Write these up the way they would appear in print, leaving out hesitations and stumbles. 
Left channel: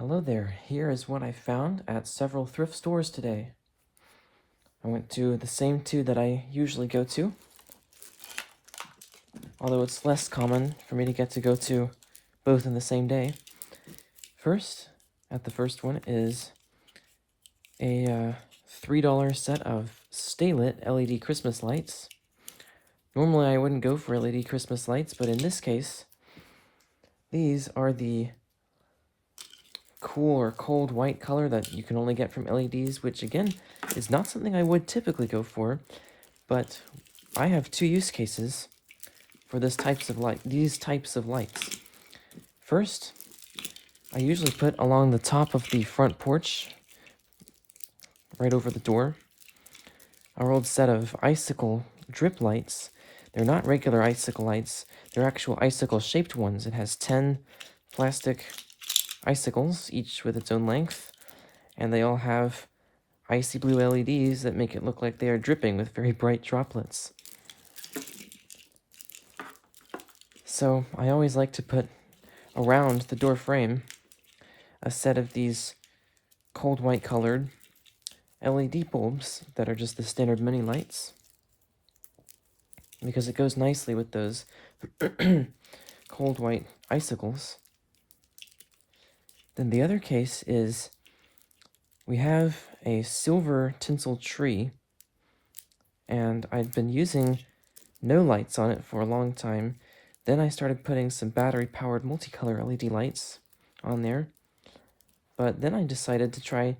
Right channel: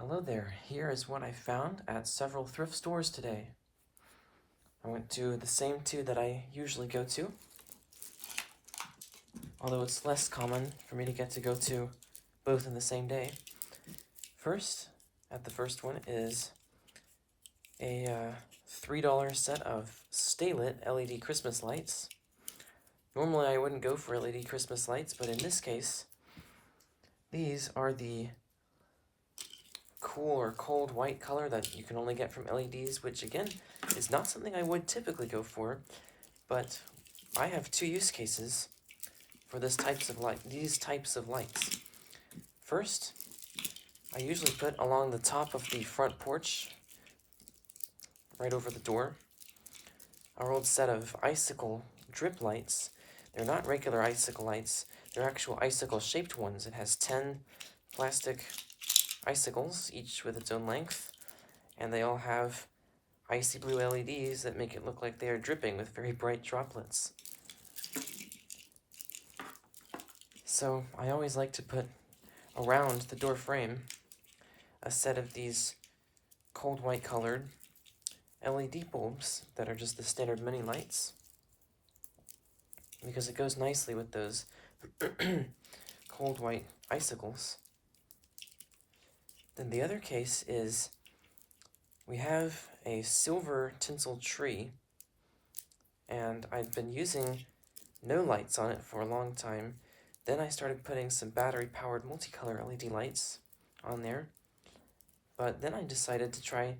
Hello there, here is what I found at several thrift stores today. I went to the same two that I usually go to, although it's less common for me to get to go to both in the same day. First, at the first one is a $3 set of stay-lit LED Christmas lights. Normally I wouldn't go for LED Christmas lights, but in this case, these are the cool or cold white color that you can only get from LEDs, which again is not something I would typically go for, but I have two use cases for these types of lights. First, I usually put along the top of the front porch, right over the door, our old set of icicle drip lights. They're not regular icicle lights, they're actual icicle shaped ones. It has 10 plastic icicles, each with its own length, and they all have icy blue LEDs that make it look like they are dripping with very bright droplets. So I always like to put around the door frame a set of these cold white colored LED bulbs that are just the standard mini lights, because it goes nicely with those cold white icicles. Then the other case is we have a silver tinsel tree, and I'd been using no lights on it for a long time. Then I started putting some battery-powered multicolor LED lights on there, but then I decided to try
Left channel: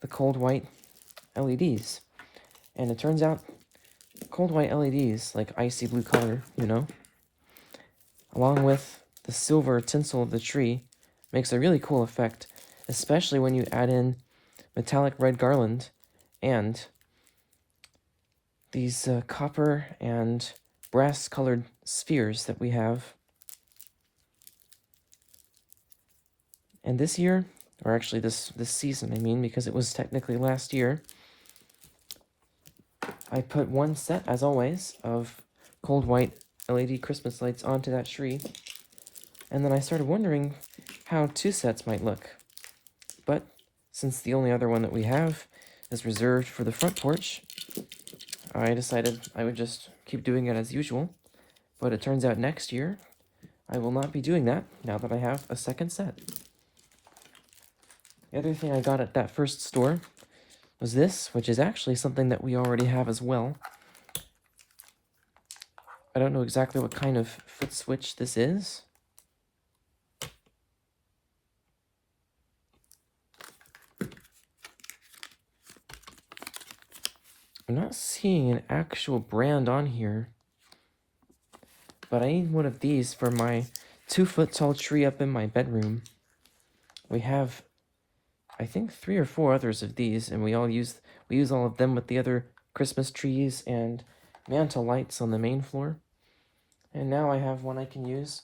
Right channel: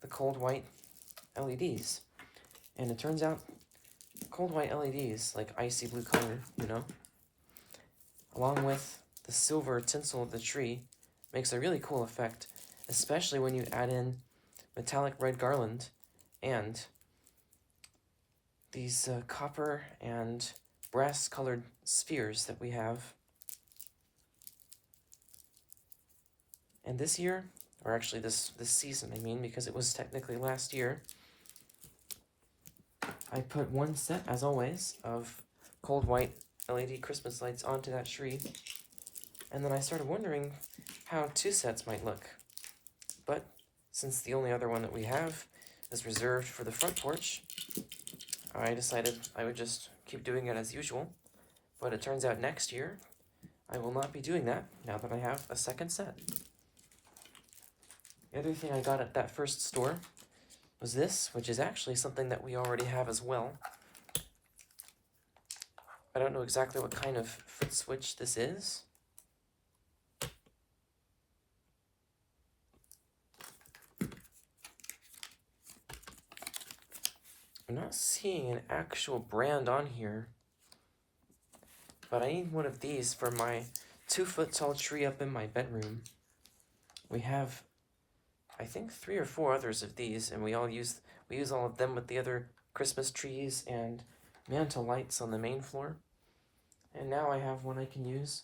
the cold white LEDs, and it turns out cold white LEDs, like icy blue color, along with the silver tinsel of the tree, makes a really cool effect, especially when you add in metallic red garland and these copper and brass colored spheres that we have. And this year, or actually this season, I mean, because it was technically last year, I put one set, as always, of cold white LED Christmas lights onto that tree, and then I started wondering how two sets might look. But since the only other one that we have is reserved for the front porch, I decided I would just keep doing it as usual. But it turns out next year, I will not be doing that, now that I have a second set. The other thing I got at that first store was this, which is actually something that we already have as well. I don't know exactly what kind of foot switch this is. I'm not seeing an actual brand on here, but I need one of these for my 2-foot tall tree up in my bedroom. We have, I think, 3 or 4 others of these, and we use all of them with the other Christmas trees and mantle lights on the main floor. And now I have one I can use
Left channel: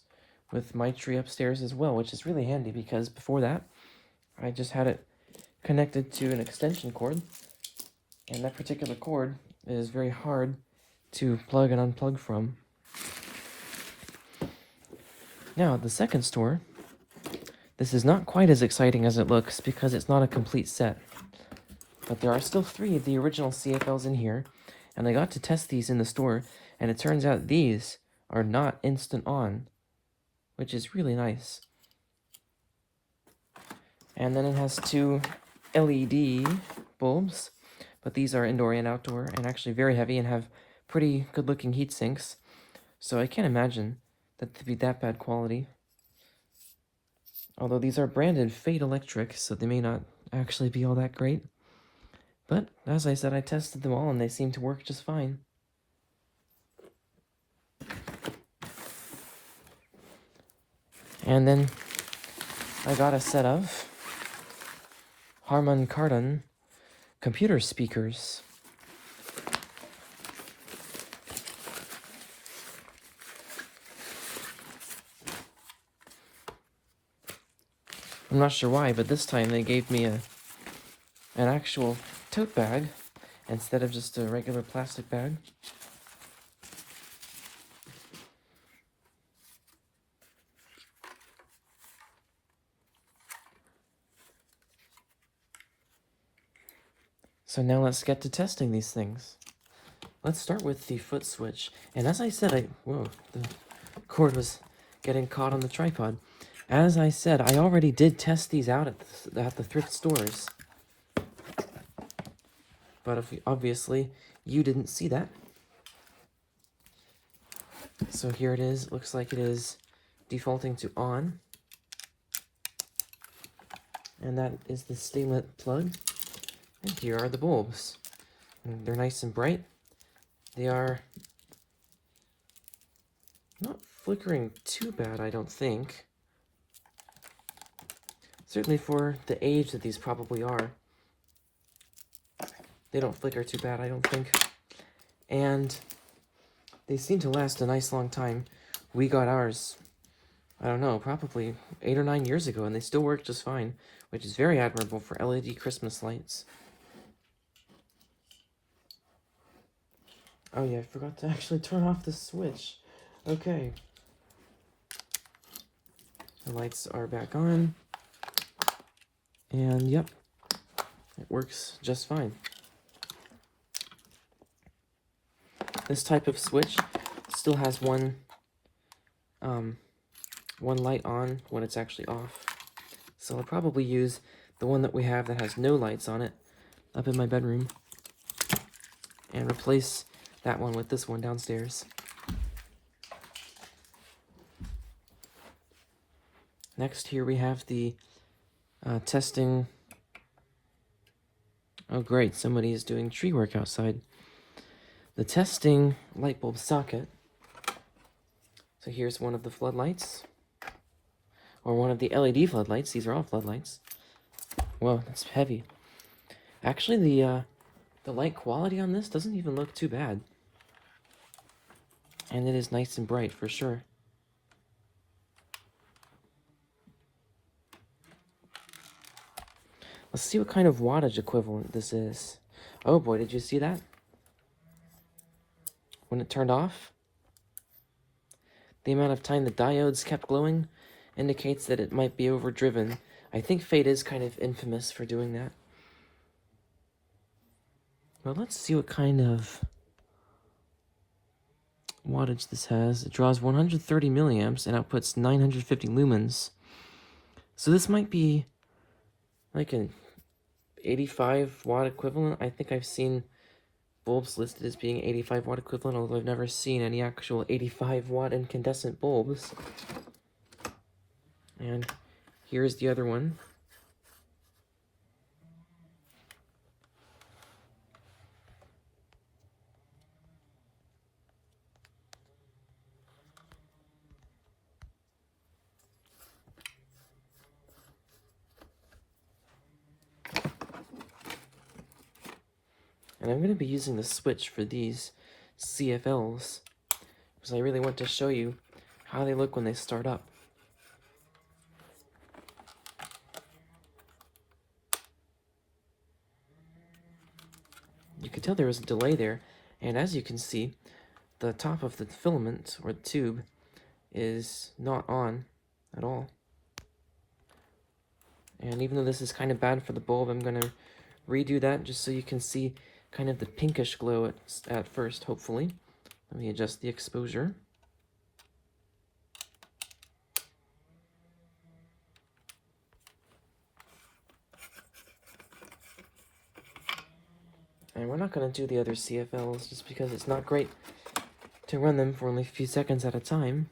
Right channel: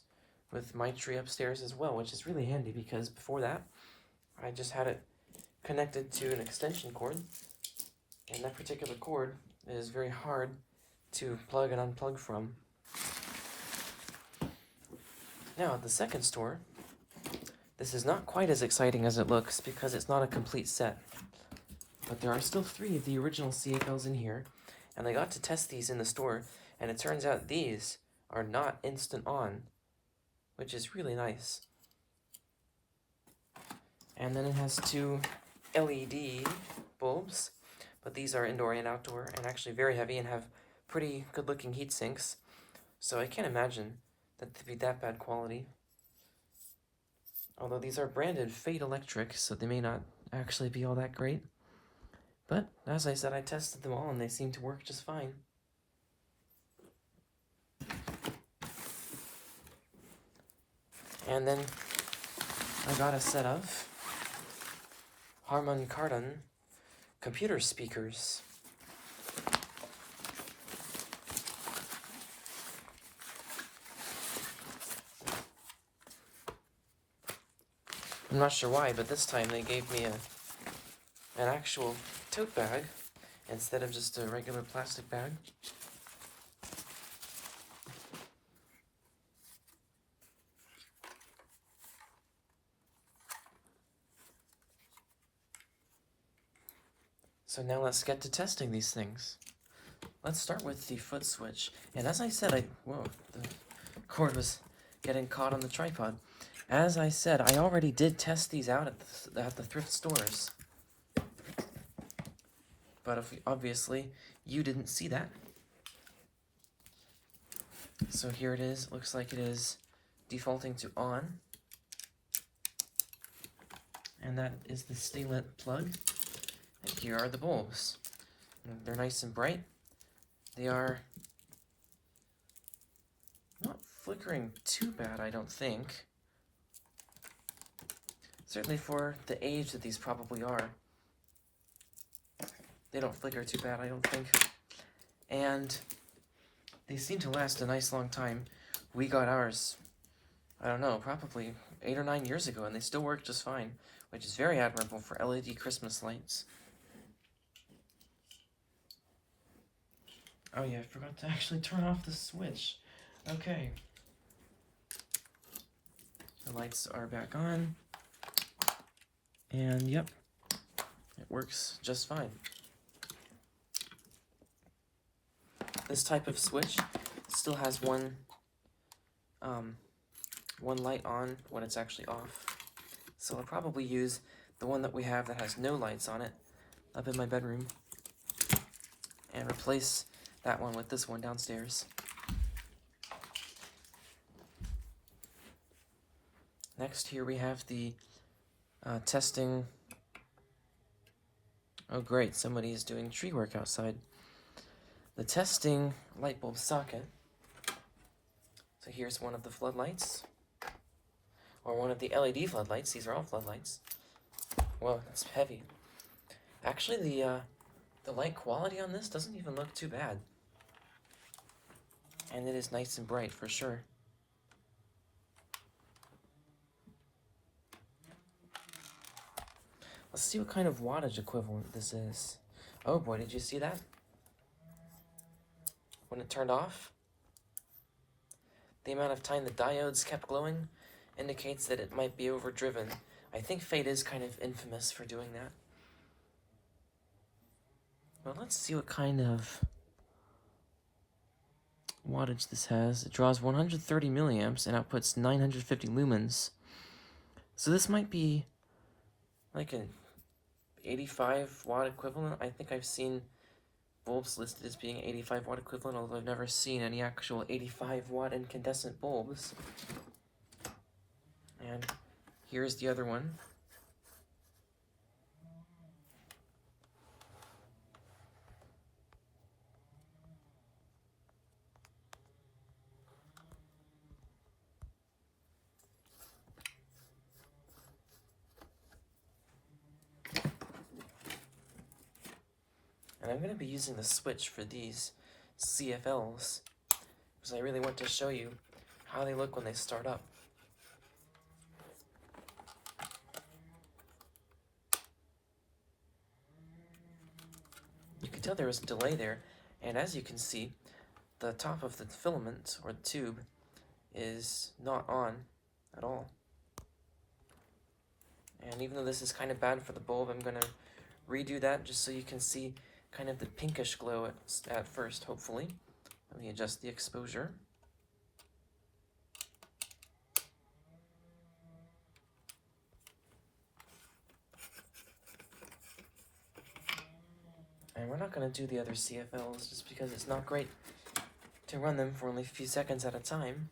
with my tree upstairs as well, which is really handy because before that, I just had it connected to an extension cord, and that particular cord is very hard to plug and unplug from. Now, the second store, this is not quite as exciting as it looks because it's not a complete set. But there are still 3 of the original CFLs in here, and I got to test these in the store, and it turns out these are not instant on, which is really nice. And then it has 2 LED bulbs, but these are indoor and outdoor, and actually very heavy and have pretty good looking heat sinks, so I can't imagine that they'd be that bad quality. Although these are branded Fade Electric, so they may not actually be all that great. But, as I said, I tested them all and they seem to work just fine. And then I got a set of Harman Kardon computer speakers. I'm not sure why, but this time they gave me an actual tote bag instead of just a regular plastic bag. So now let's get to testing these things. Let's start with the foot switch. And as I said, whoa, the cord was getting caught on the tripod. As I said, I already did test these out at the thrift stores. But obviously, you didn't see that. So here it is. It looks like it is defaulting to on. And that is the stinglet plug. And here are the bulbs. And they're nice and bright. They are not flickering too bad, I don't think. Certainly for the age that these probably are. They don't flicker too bad, I don't think. And they seem to last a nice long time. We got ours, I don't know, probably 8 or 9 years ago, and they still work just fine, which is very admirable for LED Christmas lights. Oh yeah, I forgot to actually turn off the switch. Okay. The lights are back on. And yep, it works just fine. This type of switch still has one light on when it's actually off. So I'll probably use the one that we have that has no lights on it up in my bedroom and replace that one with this one downstairs. Next here we have the testing. Oh great, somebody is doing tree work outside. The testing light bulb socket. So here's one of the floodlights, or one of the LED floodlights. These are all floodlights. Whoa, it's heavy. Actually, the light quality on this doesn't even look too bad. And it is nice and bright for sure. Let's see what kind of wattage equivalent this is. Oh boy, did you see that? When it turned off, the amount of time the diodes kept glowing indicates that it might be overdriven. I think Fate is kind of infamous for doing that. Well, let's see what kind of wattage this has. It draws 130 milliamps and outputs 950 lumens. So this might be like an 85 watt equivalent. I think I've seen bulbs listed as being 85 watt equivalent, although I've never seen any actual 85 watt incandescent bulbs. And here's the other one. And I'm going to be using the switch for these CFLs, because I really want to show you how they look when they start up. You can tell there was a delay there, and as you can see, the top of the filament, or the tube, is not on at all. And even though this is kind of bad for the bulb, I'm going to redo that just so you can see kind of the pinkish glow at first, hopefully. Let me adjust the exposure. And we're not going to do the other CFLs just because it's not great to run them for only a few seconds at a time.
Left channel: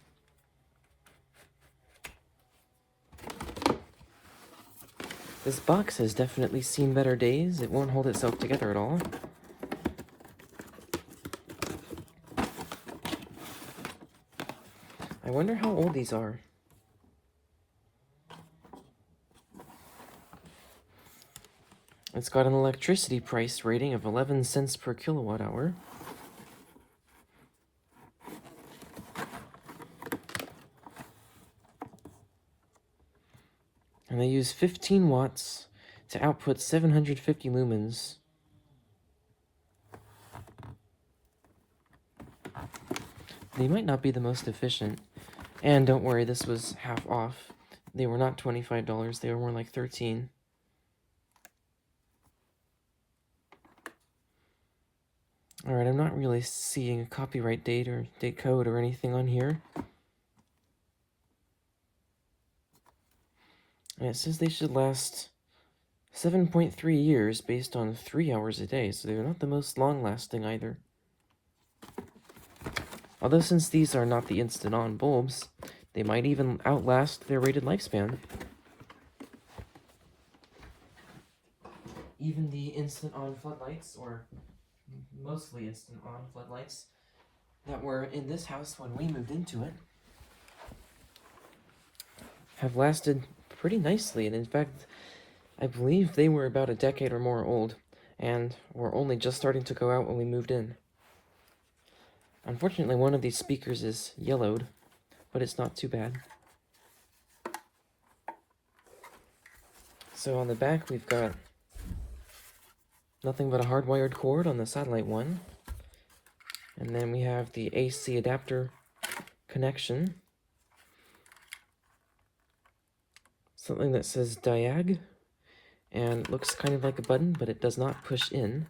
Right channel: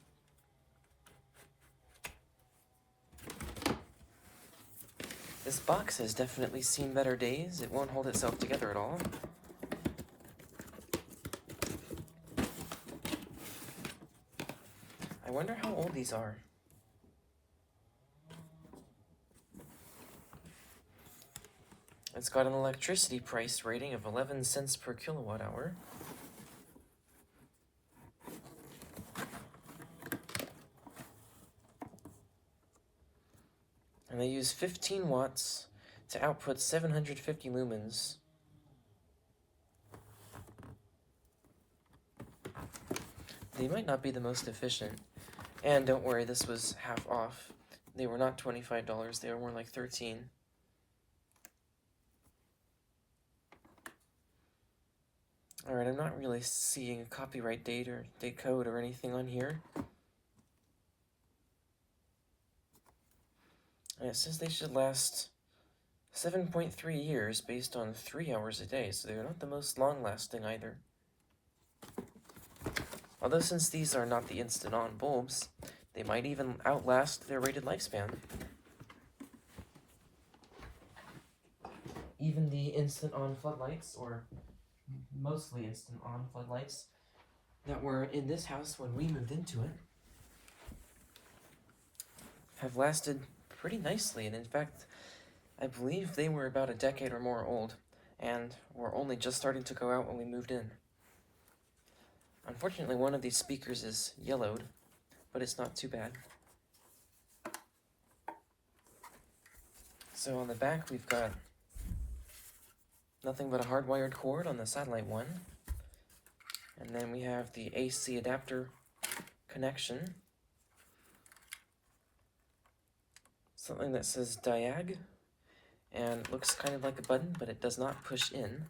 This box has definitely seen better days. It won't hold itself together at all. I wonder how old these are. It's got an electricity price rating of 11 cents per kilowatt hour. And they use 15 watts to output 750 lumens. They might not be the most efficient. And don't worry, this was half off. They were not $25, they were more like $13. Alright, I'm not really seeing a copyright date or date code or anything on here. And it says they should last 7.3 years based on 3 hours a day, so they're not the most long-lasting either. Although since these are not the instant-on bulbs, they might even outlast their rated lifespan. Even the instant-on floodlights, or mostly instant-on floodlights, that were in this house when we moved into it, have lasted pretty nicely, and in fact, I believe they were about a decade or more old, and were only just starting to go out when we moved in. Unfortunately, one of these speakers is yellowed, but it's not too bad. So on the back, we've got nothing but a hardwired cord on the satellite one, and then we have the AC adapter connection. Something that says diag, and looks kind of like a button, but it does not push in.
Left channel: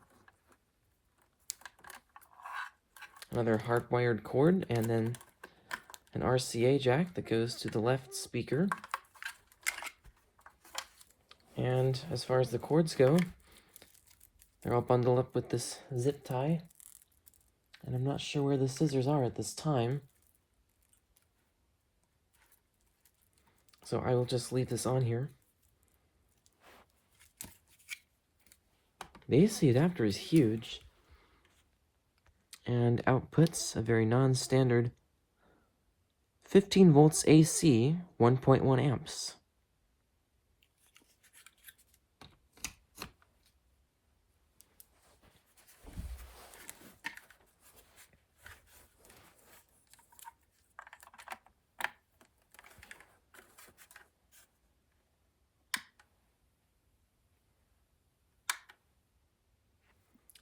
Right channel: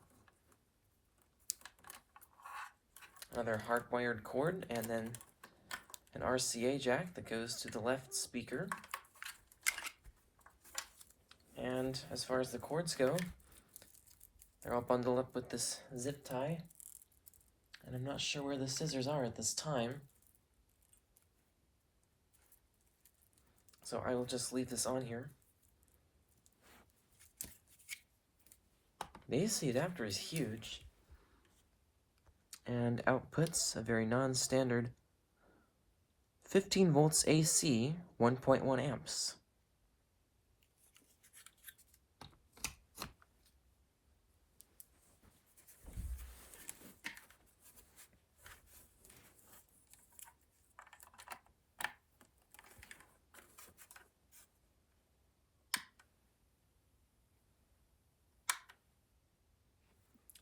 Another hardwired cord, and then an RCA jack that goes to the left speaker. And as far as the cords go, they're all bundled up with this zip tie. And I'm not sure where the scissors are at this time. So I will just leave this on here. The AC adapter is huge. And outputs a very non-standard 15 volts AC, 1.1 amps.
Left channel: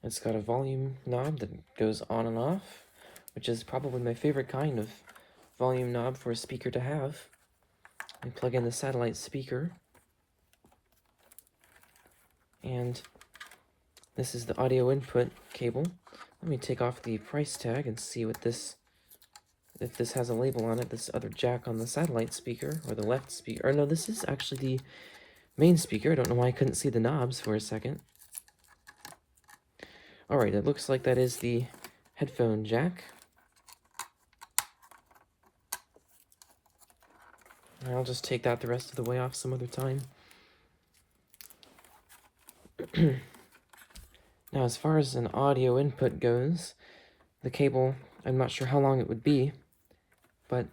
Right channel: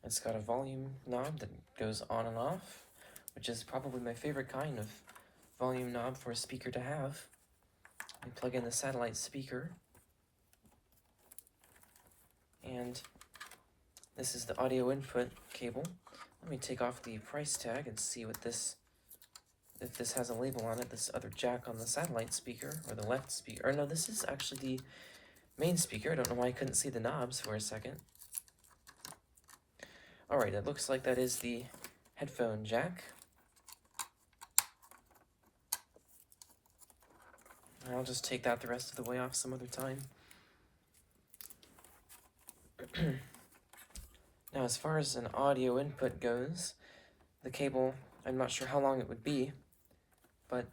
It's got a volume knob that goes on and off, which is probably my favorite kind of volume knob for a speaker to have. I plug in the satellite speaker, and this is the audio input cable. Let me take off the price tag and see what this, if this has a label on it. This other jack on the satellite speaker, or the left speaker, or no, this is actually the main speaker. I don't know why I couldn't see the knobs for a second. Alright, it looks like that is the headphone jack. I'll just take that the rest of the way off some other time. Now, as far as an audio input goes, the cable, I'm not sure how long it would be, but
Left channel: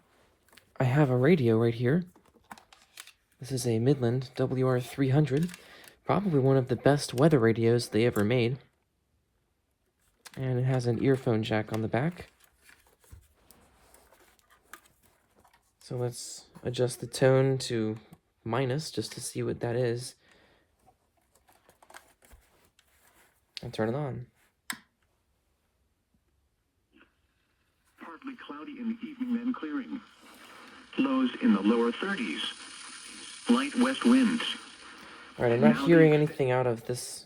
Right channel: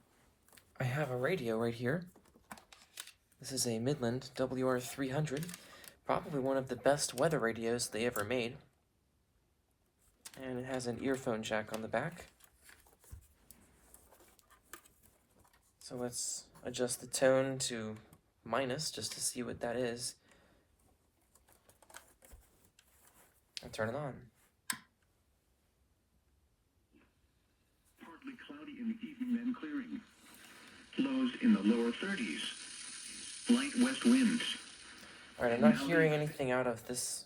I have a radio right here. This is a Midland WR300, probably one of the best weather radios they ever made. And it has an earphone jack on the back. So let's adjust the tone to minus just to see what that is. And turn it on. Partly cloudy in the evening, then clearing. Lows in the lower 30s. Light west winds. Alright, I'm not hearing anything out of this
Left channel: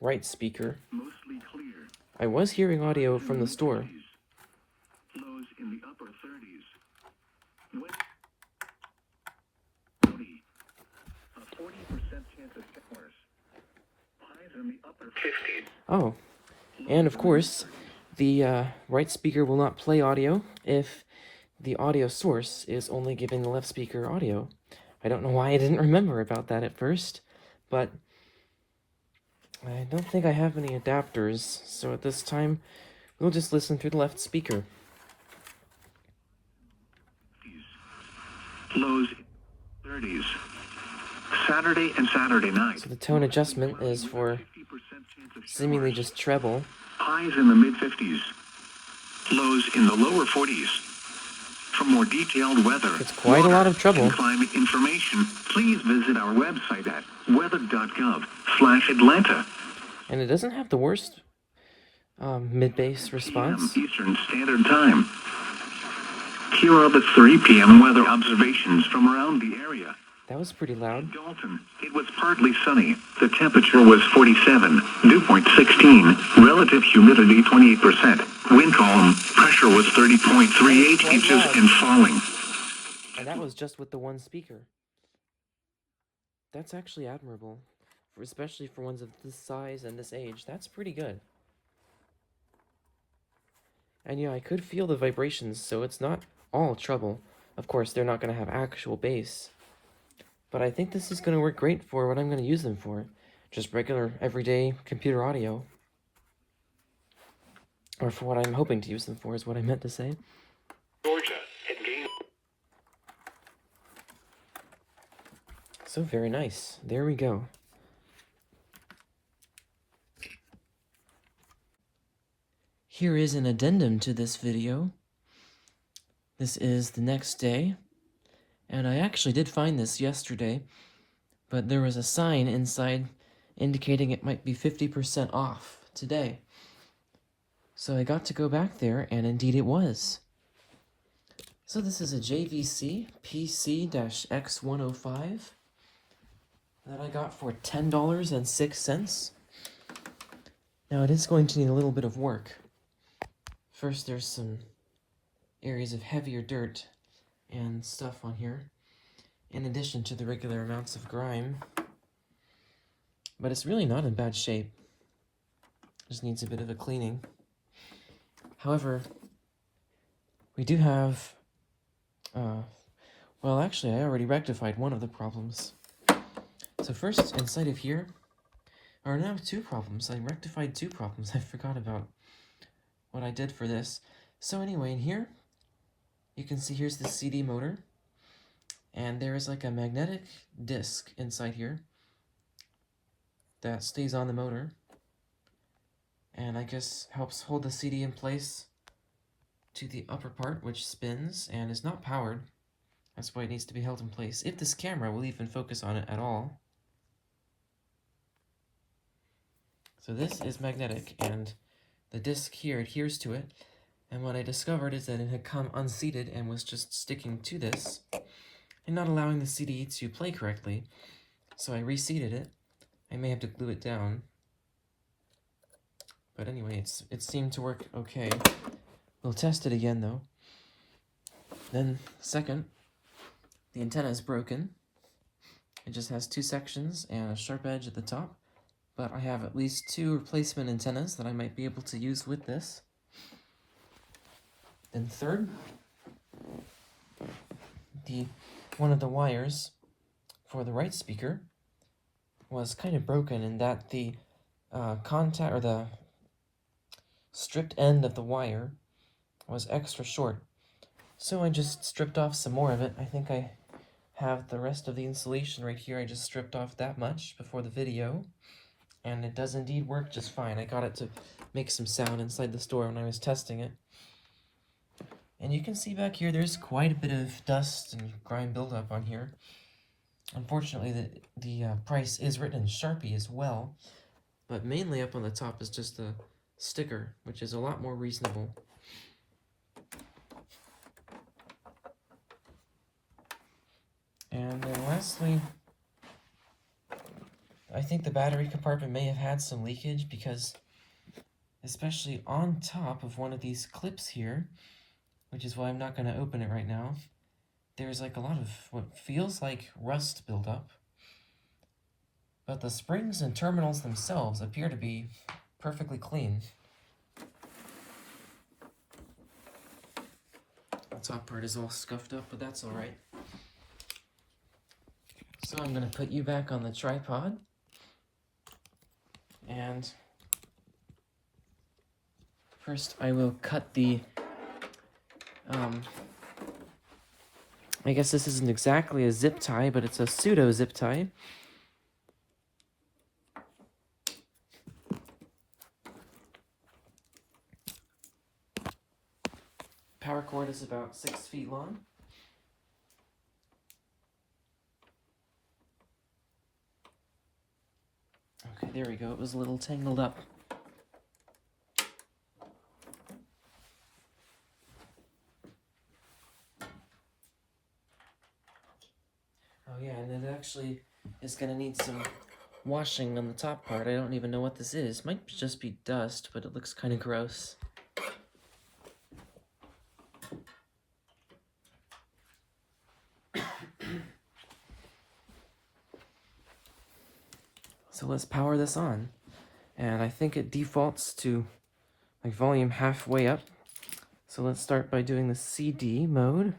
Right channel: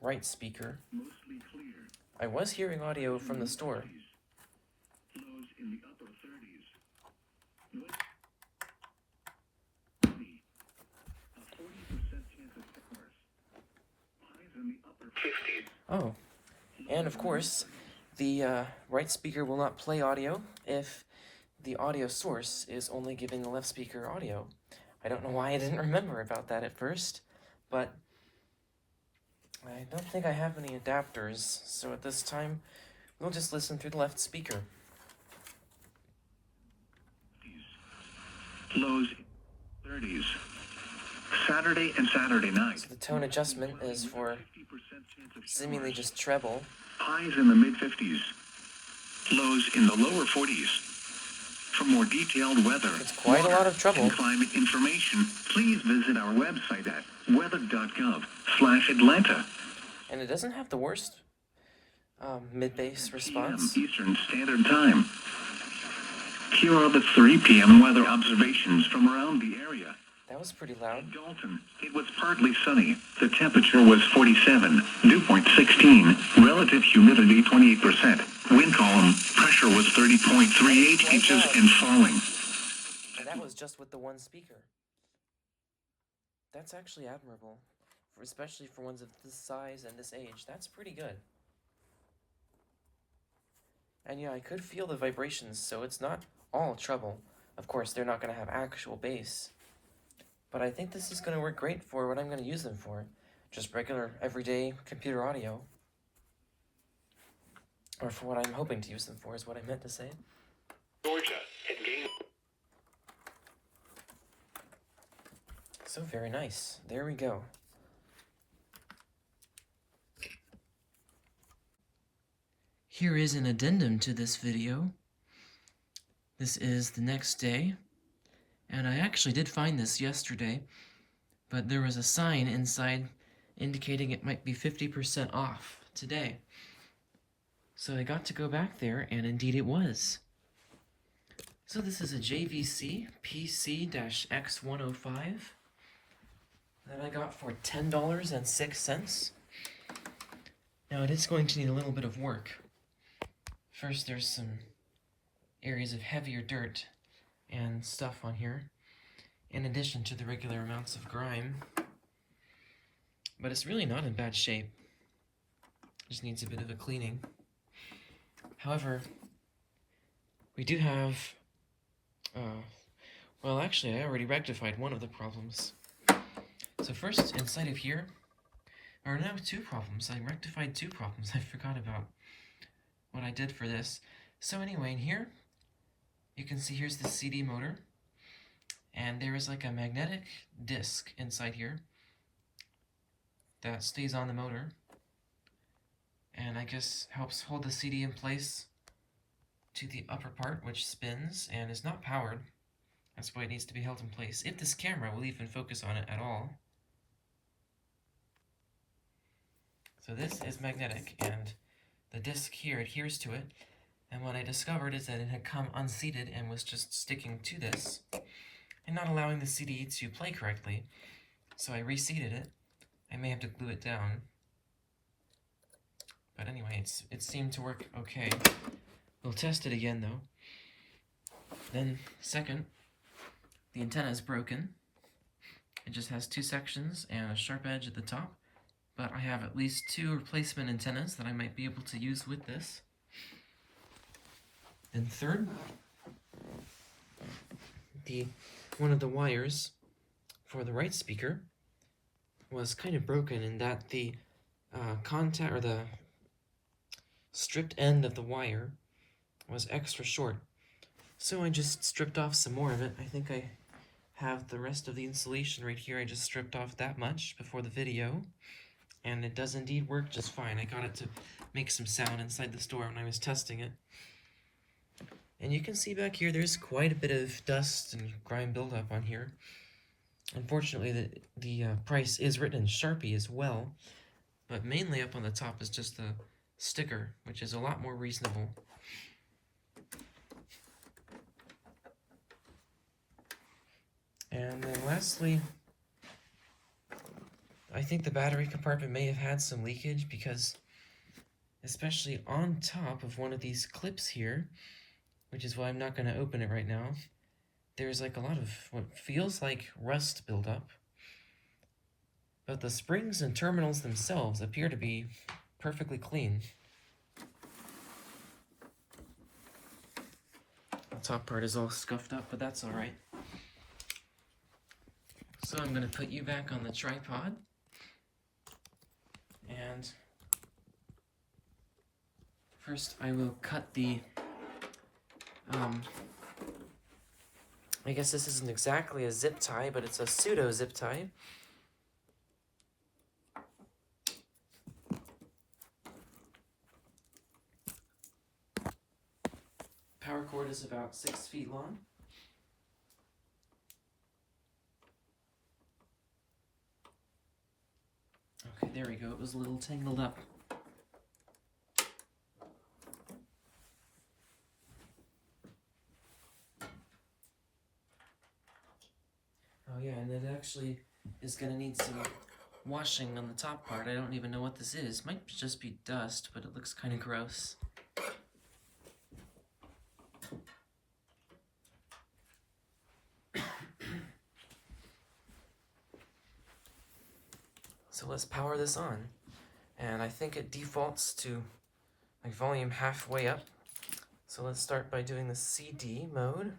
right speaker. Mostly clear. I was hearing audio from the store. Lows in the upper 30s. West cloudy. A 40% chance of showers. Highs in the upper 50s. Oh, and of course, the right speaker will not play audio if the audio source is only giving the left speaker audio. I don't know why I didn't remember about that at first, but I don't think I have any adapters, so at this time, we'll just listen through the left speaker. Lows 30s. Saturday and Saturday night. So the tone adjustment is for seemingly just treble. Highs in the mid-50s. Lows in the lower 40s. For more detailed weather, It's quite a lot of treble. and climate information, please visit our website at weather.gov/Atlanta. And it doesn't have the worst mid-bass response. Eastern Standard Time. Here are the 3 p.m. weather observations from around the area. That was pretty loud. Dalton, it was partly sunny. The temperature was 47, dew point 16, relative humidity 28%. Wind column pressure was 30.38 inches and falling. And that was just with the one speaker. That's actually admirable, especially for ones of this size and this age. That's pretty good. And yeah, I could feel the vibrations, so it's not all trouble. Of course, they're not going to have actual bass. But I think this is going to work great for what I'm going to use them for. Just regular, everyday computer audio. Or for what I'm hoping to use them for, is what I meant to say. Georgia, and game. So very nice. There we go. Here is an addendum to this video. This is the next day. And I actually did find this yesterday, but there was a sign inside indicating it might be 50% off today. So I got to go back there, and indeed it was. So this is a JVC PC-X105 that I got for $10.06. Now it is going to need a little bit of work. First, there's some areas of heavier dirt and stuff on here, in addition to the regular amounts of grime. But it's really not in bad shape. Just needs a bit of a cleaning. However, we do have, well actually I already rectified one of the problems. So first, inside of here are now two problems. I rectified two problems. I forgot about what I did for this. So anyway, in here, you can see here's the CD motor, and there is like a magnetic disc inside here that stays on the motor, and I guess helps hold the CD in place to the upper part, which spins and is not powered. That's why it needs to be held in place, if this camera will even focus on it at all. So this is magnetic, and the disc here adheres to it. And what I discovered is that it had come unseated and was just sticking to this and not allowing the CD to play correctly. So I reseated it. I may have to glue it down. But anyway, it seemed to work okay. We'll test it again though. Then, second, the antenna is broken. It just has two sections and a sharp edge at the top. But I have at least two replacement antennas that I might be able to use with this. And third, one of the wires for the right speaker was kind of broken in that the contact, or the stripped end of the wire was extra short. So I just stripped off some more of it. I think I have the rest of the insulation right here. I just stripped off that much before the video, and it does indeed work just fine. I got it to make some sound inside the store when I was testing it. And you can see back here, there's quite a bit of dust and grime buildup on here. Unfortunately, the price is written in Sharpie as well, but mainly up on the top is just a sticker, which is a lot more reasonable. And then lastly, I think the battery compartment may have had some leakage, because especially on top of one of these clips here, which is why I'm not going to open it right now, there's like a lot of what feels like rust buildup. But the springs and terminals themselves appear to be perfectly clean. The top part is all scuffed up, but that's alright. So I'm going to put you back on the tripod. And first I will cut the I guess this isn't exactly a zip tie, but it's a pseudo zip tie. Power cord is about 6 feet long. Okay, there we go. It was a little tangled up. Oh yeah, and then it actually is going to need some washing on the top part. I don't even know what this is. Might just be dust, but it looks kind of gross. So let's power this on. And I think it defaults to like volume halfway up. So let's start by doing the CD mode,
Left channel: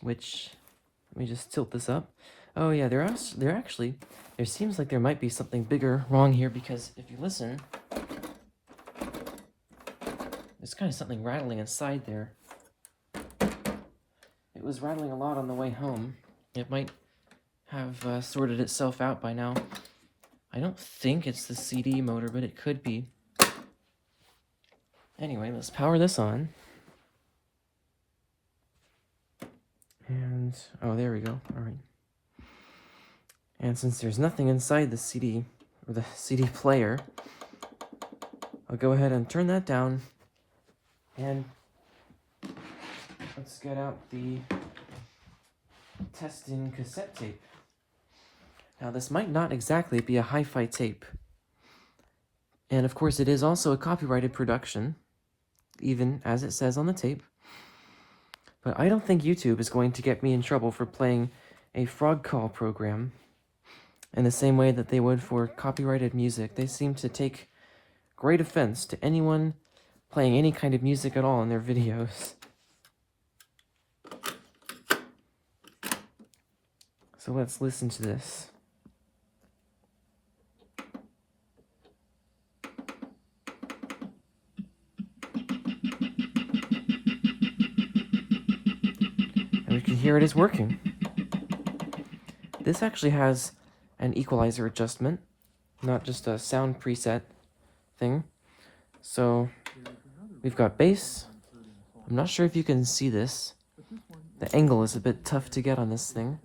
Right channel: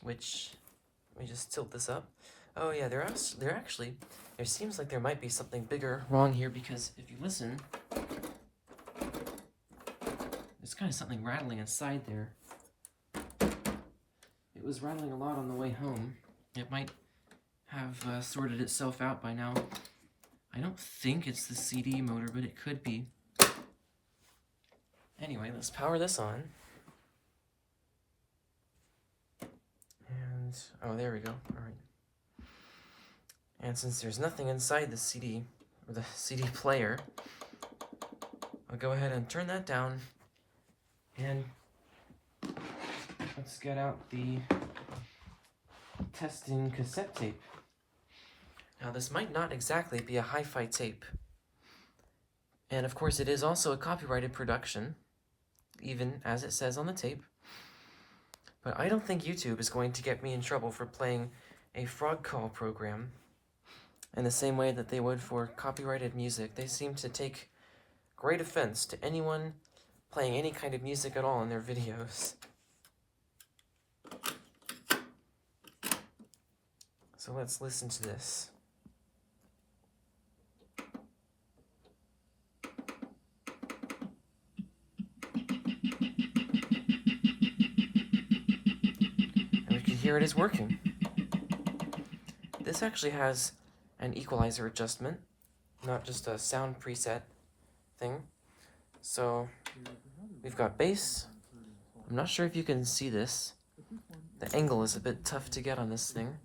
which, let me just tilt this up. Oh yeah, there seems like there might be something bigger wrong here, because if you listen, there's kind of something rattling inside there. It was rattling a lot on the way home. It might have sorted itself out by now. I don't think it's the CD motor, but it could be. Anyway, let's power this on. And, oh, there we go. All right. And since there's nothing inside the CD, or the CD player, I'll go ahead and turn that down. And let's get out the testing cassette tape. Now, this might not exactly be a hi-fi tape. And of course, it is also a copyrighted production, even as it says on the tape. But I don't think YouTube is going to get me in trouble for playing a frog call program in the same way that they would for copyrighted music. They seem to take great offense to anyone playing any kind of music at all in their videos. So let's listen to this. Here it is working. This actually has an equalizer adjustment, not just a sound preset thing. So we've got bass. I'm not sure if you can see this. The angle is a bit tough to get on this thing.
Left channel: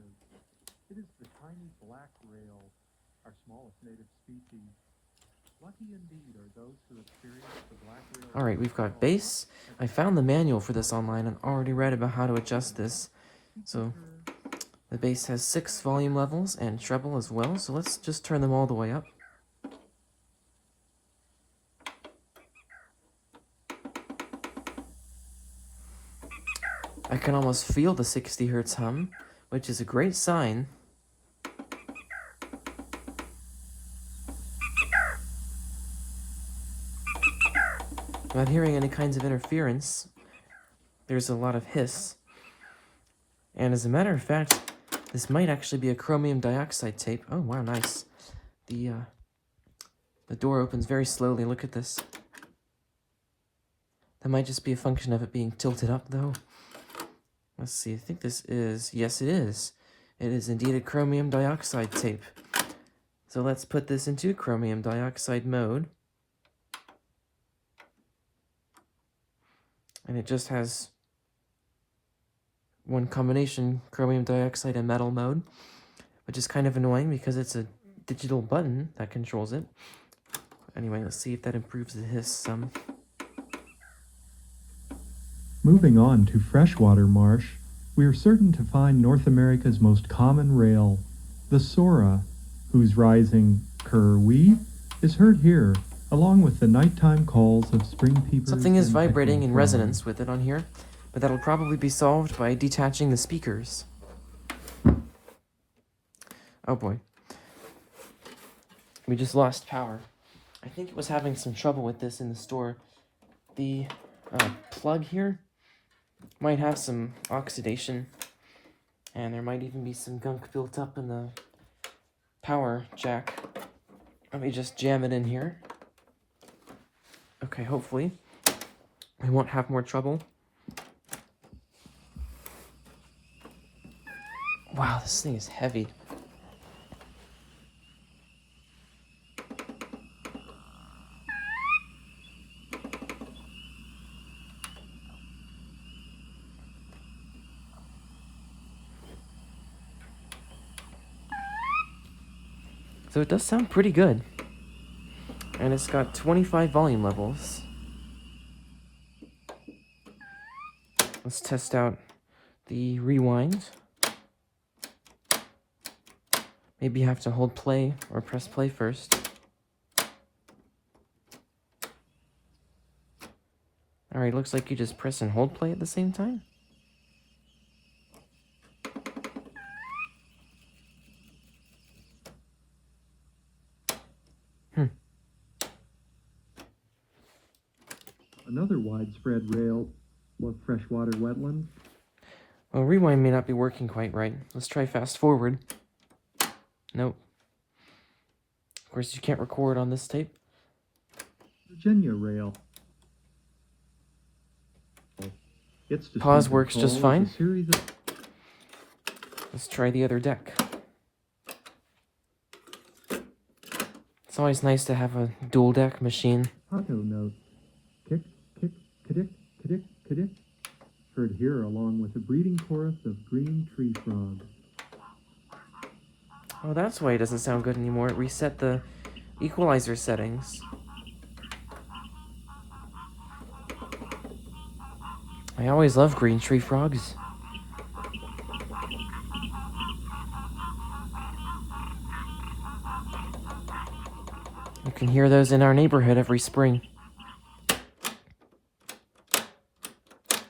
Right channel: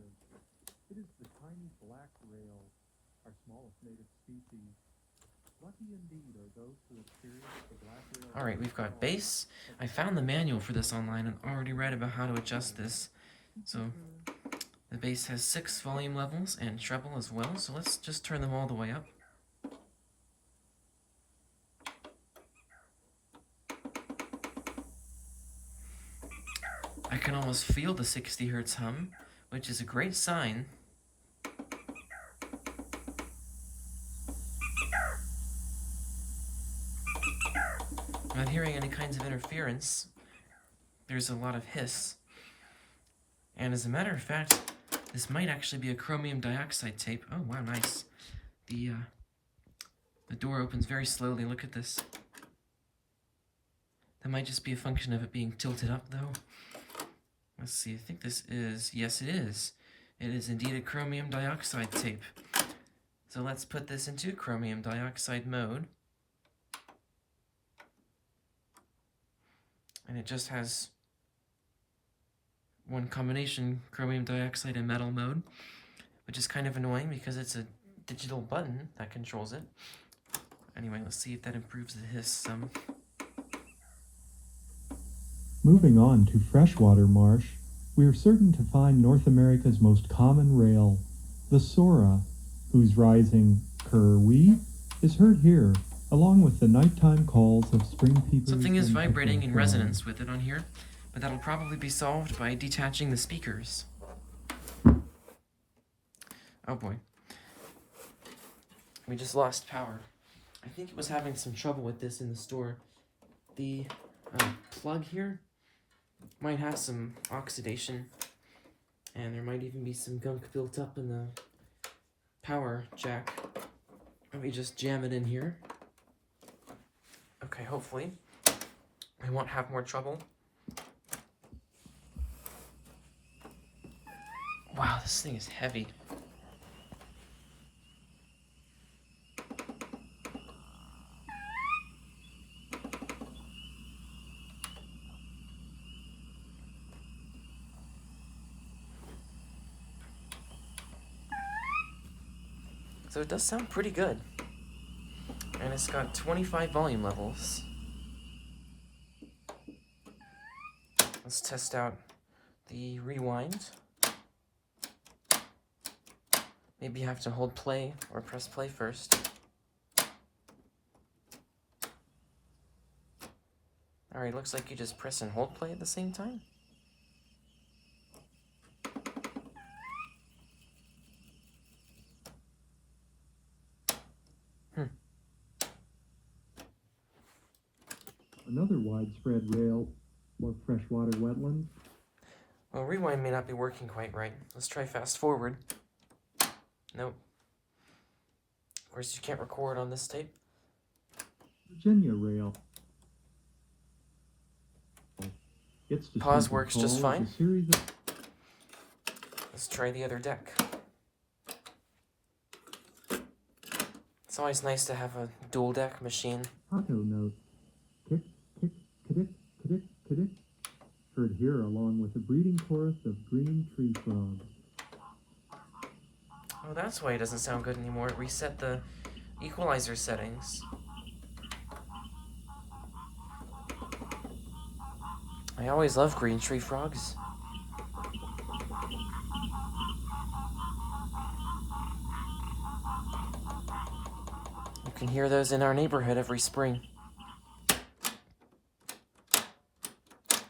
It is the tiny black rail, our smallest native species. Lucky indeed are those who experience the black rail. Alright, we've got bass. I found the manual for this online and already read about how to adjust this. So the bass has 6 volume levels and treble as well, so let's just turn them all the way up. I can almost feel the 60 Hz hum, which is a great sign. Not hearing any kinds of interference. There's a lot of hiss. And as a matter of fact, this might actually be a chromium dioxide tape. Oh, wow, nice. The door opens very slowly. Look at this. That might just be a function of it being tilted up, though. Let's see, I think this is... Yes, it is. It is indeed a chromium dioxide tape. So let's put this into chromium dioxide mode. And it just has one combination, chromium dioxide and metal mode, which is kind of annoying because it's a digital button that controls it. Anyway, let's see if that improves the hiss some. Moving on to freshwater marsh, we are certain to find North America's most common rail, the Sora, whose rising cur-wee is heard here, along with the nighttime calls of spring peepers. Something is and vibrating in pickerel resonance with it on here, but that'll probably be solved by detaching the speakers. Oh boy. We just lost power. I think it was having some trouble with this in the store. The plug here might have some oxidation, and there might even be some gunk built up in the power jack. Let me just jam it in here. Okay, hopefully we won't have more trouble. Wow, this thing is heavy. So it does sound pretty good. And it's got 25 volume levels. Let's test out the rewind. Maybe you have to hold play or press play first. Alright, looks like you just press and hold play at the same time. Another widespread rail of freshwater wetlands. Well, rewind may not be working quite right. Let's try fast forward. Nope. Of course, you can't record on this tape. Virginia rail. Its Pause distinctive works call just is fine. a series of Let's try the other deck. It's always nice to have a dual deck machine. auto notes. Kick, kick, kidick, kidick, kidick. Heard here along with a breeding chorus of green tree frogs. Oh, that's why it doesn't sound good anymore. It reset the equalizer settings. I always love green tree frogs. You can hear those in our neighborhood every spring.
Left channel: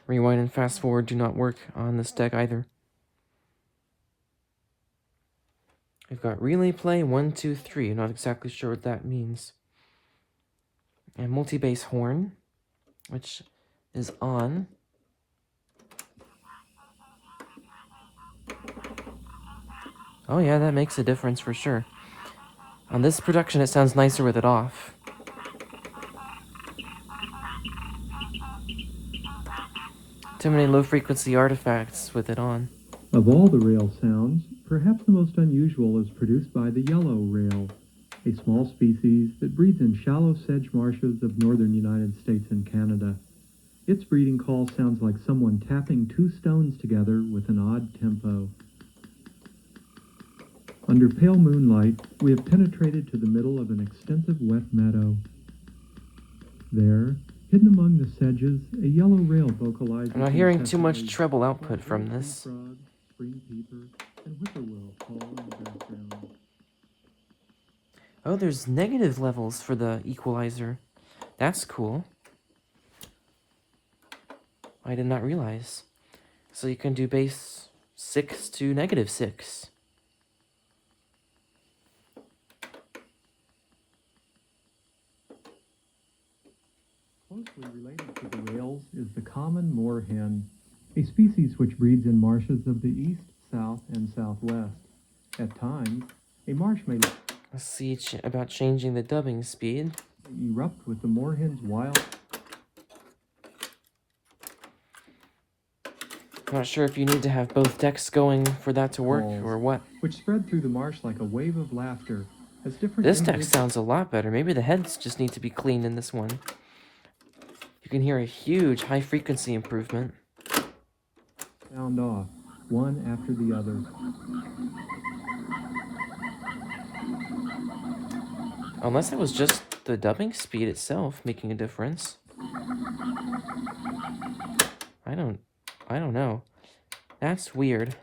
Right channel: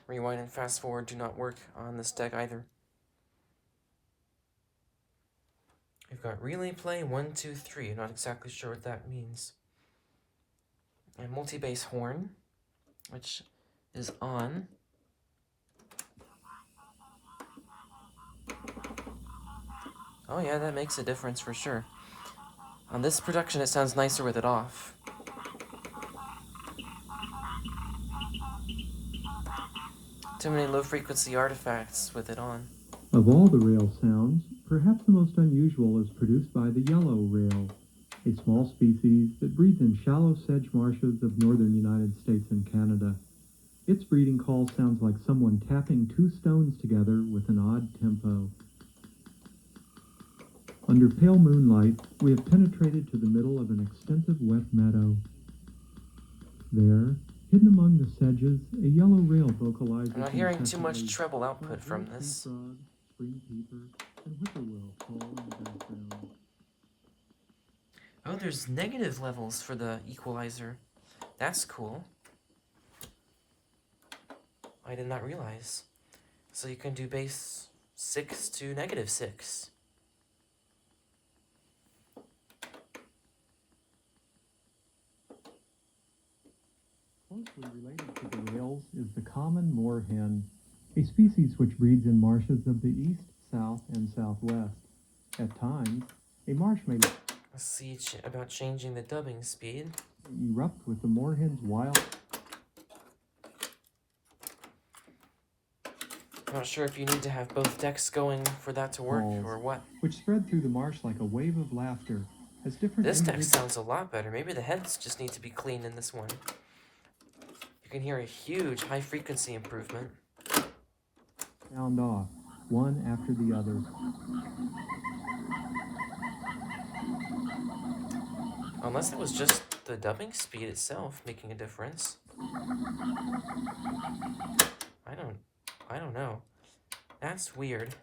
Rewind and fast forward do not work on this deck either. We've got relay play 1, 2, 3. Not exactly sure what that means. And multi-bass horn, which is on. Oh yeah, that makes a difference for sure. On this production, it sounds nicer with it off. Too many low-frequency artifacts with it on. Of all the rail sounds, perhaps the most unusual is produced by the yellow rail, a small species that breeds in shallow sedge marshes of northern United States and Canada. Its breeding call sounds like someone tapping two stones together with an odd tempo. Under pale moonlight, we have penetrated to the middle of an extensive wet meadow. There, hidden among the sedges, a yellow rail vocalizes. I'm not hearing too much incessantly, treble output while from green this. tree frog, spring peeper, and whippoorwill call in the background. Oh, there's negative levels for the equalizer. That's cool. I did not realize. So you can do bass 6 to -6. Closely related to the rails is the common moorhen, a species which breeds in marshes of the east, south, and southwest. At times, a marsh may Let's see about changing the dubbing speed. erupt with the moorhen's wild. I'm not sure if you need to have both decks going for that to work Calls, or what. which spread through the marsh like a wave of laughter, as different This deck individuals sounds a lot better. Maybe the heads just need to be cleaned in this one. You can hear a huge high frequency improvement. sound off, one after the other. Unless it was just the dubbing speed itself making a difference. I don't know. That's weird.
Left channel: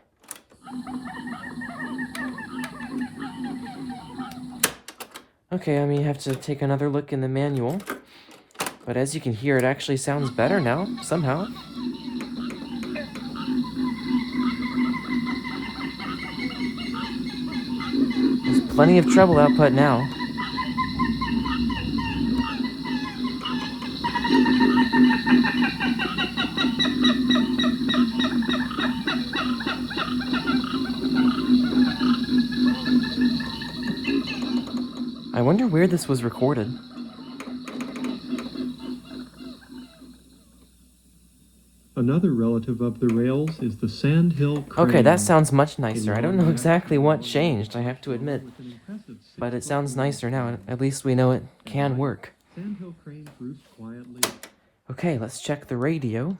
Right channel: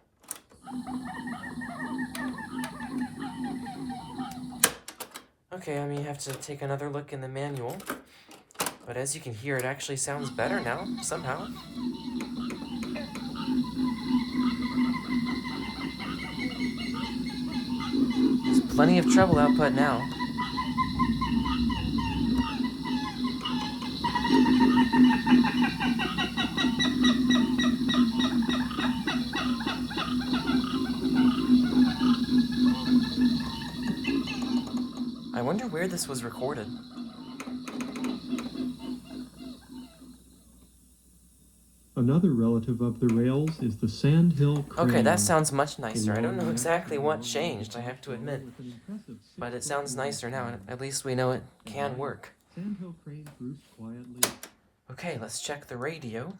Okay, I may have to take another look in the manual. But as you can hear, it actually sounds better now, somehow. There's plenty of treble output now. I wonder where this was recorded. Another relative of the rails is the sandhill crane. Okay, that sounds much nicer. I don't know long exactly neck, what long changed, I neck, have to admit. with an impressive But it 6 sounds foot nicer now. long At least we know it can work. Sandhill cranes roost quietly. Okay, let's check the radio.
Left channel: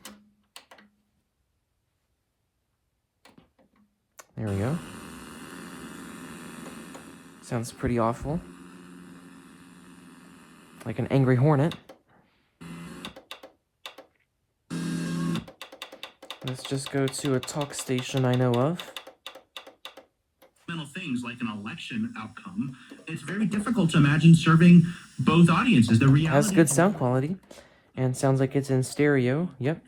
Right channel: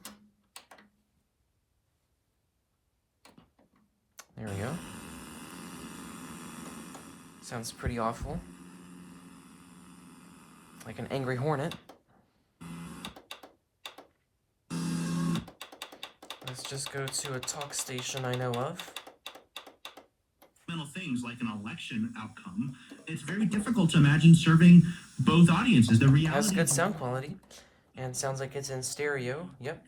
There we go. Sounds pretty awful. Like an angry hornet. Let's just go to a talk station I know of. Fundamental thing seems like an election outcome, it's very difficult to imagine serving both audiences. The It reality has good sound quality, and sounds like it's in stereo. Yep,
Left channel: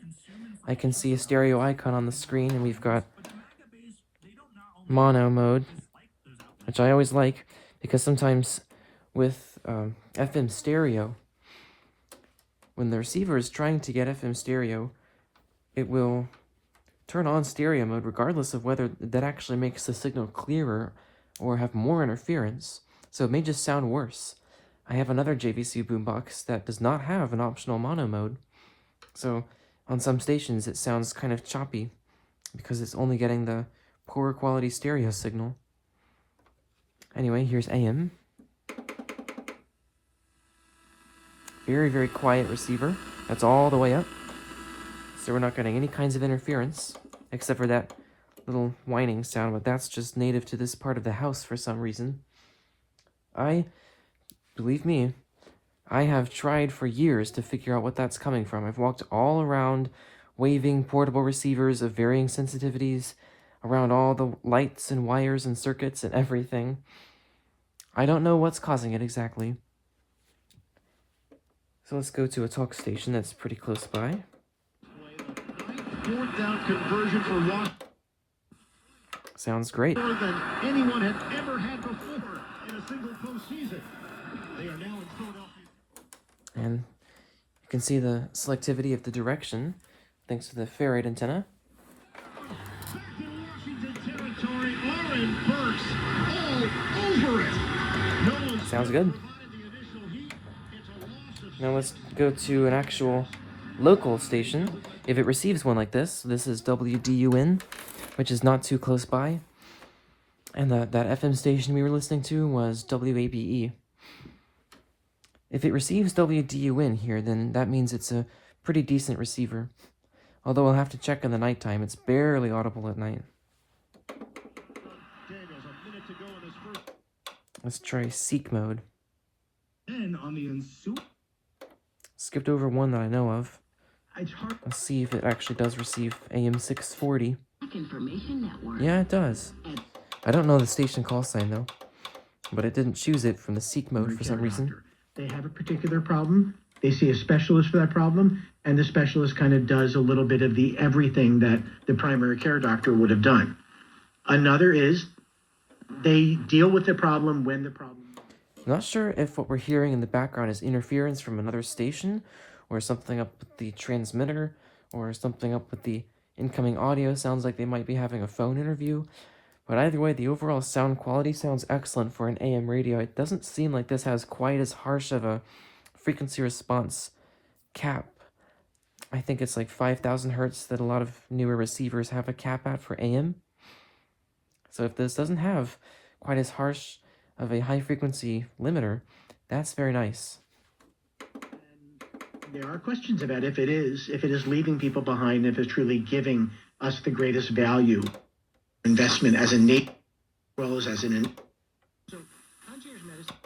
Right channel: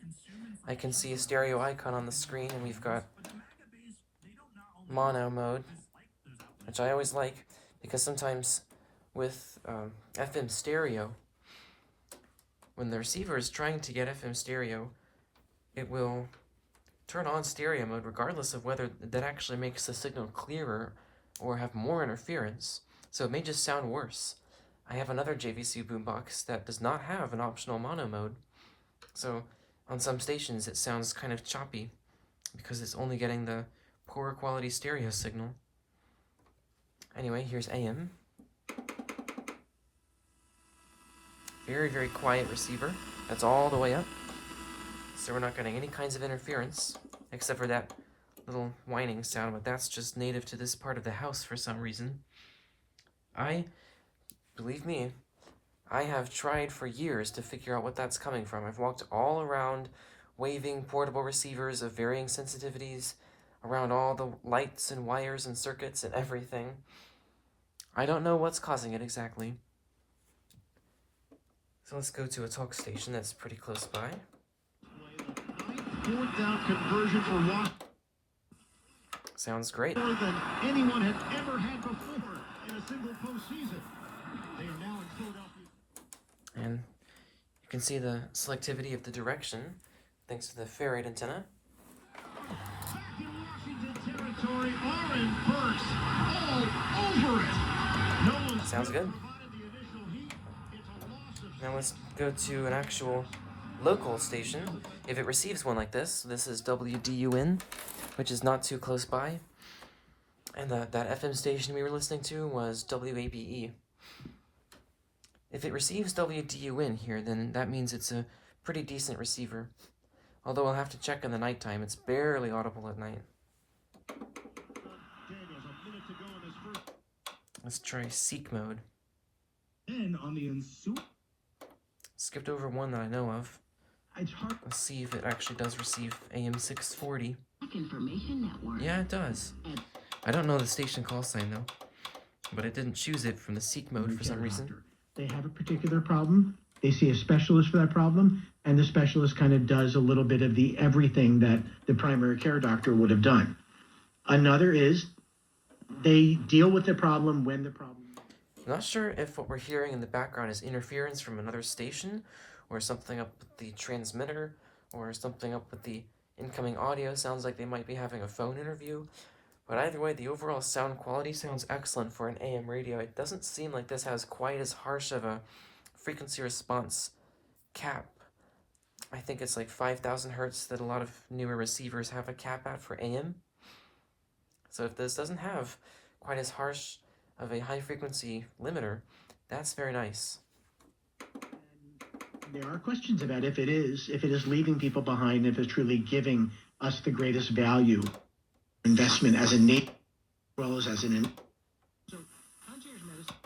I can see a stereo icon on the screen, and we've got mono mode, which I always like, because sometimes with FM stereo, when the receiver is trying to get FM stereo, it will turn on stereo mode regardless of whether that actually makes the signal clearer or have more interference, so it may just sound worse. I have another JVC boombox that does not have an optional mono mode, so on some stations it sounds kind of choppy because it's only getting the poor quality stereo signal. Anyway, here's AM. Very, very quiet receiver. That's all the way up. So we're not getting any kinds of interference, except for that little whining sound, but that's just native to this part of the house for some reason. Believe me, I have tried for years to figure out what that's coming from. I've walked all around waving portable receivers of varying sensitivities, around all the lights and wires and circuits and everything. I don't know what's causing it exactly. So let's go to a talk station that's pretty close by. Fourth down conversion for Washington. Sounds great. More than anyone had ever had before in a single postseason. They are now in Philadelphia. And you can see the selectivity of the direction thanks to the ferrite antenna. Back in Washington territory, Oren Burks all over it. No one Sounds good. provided the initial heat. It's a loss of Now let's go to an actual local station. If it receives one like this is WDUN, which is not too close by. And that FM station we were listening to was WABE. If it receives WDUN here, then that means it's a pretty decent receiver. Although I'll have to check in the nighttime. It's barely audible at night. Daniels, a minute to go in his first. Let's try seek mode. then on the ensuing Skipped over one that I know of. it's hard Let's see if it actually does receive AM 640. Information Network. Yeah, it does. I don't know the station call sign though, but it didn't choose it from the seek mode for some reason. They have a particular problem. They see a specialist for that problem, and the specialist kind of does a little bit of the everything that the primary care doctor would have done. Another is they deal with the problem when the problem. Not sure if what we're hearing in the background is interference from another station, or something up with the transmitter, or something up with the incoming audio. Sounds like they might be having a phone interview. But either way, the overall sound quality sounds excellent for an AM radio. It doesn't seem like this has quite as harsh of a frequency response cap. I think it's like 5,000 hertz that a lot of newer receivers have a cap at for AM. So if this doesn't have quite as harsh of a high frequency limiter, that's very nice. There are questions about if it is leaving people behind, if it's truly giving us the greatest value investment as a nation, as well as an. So, concierge medicine.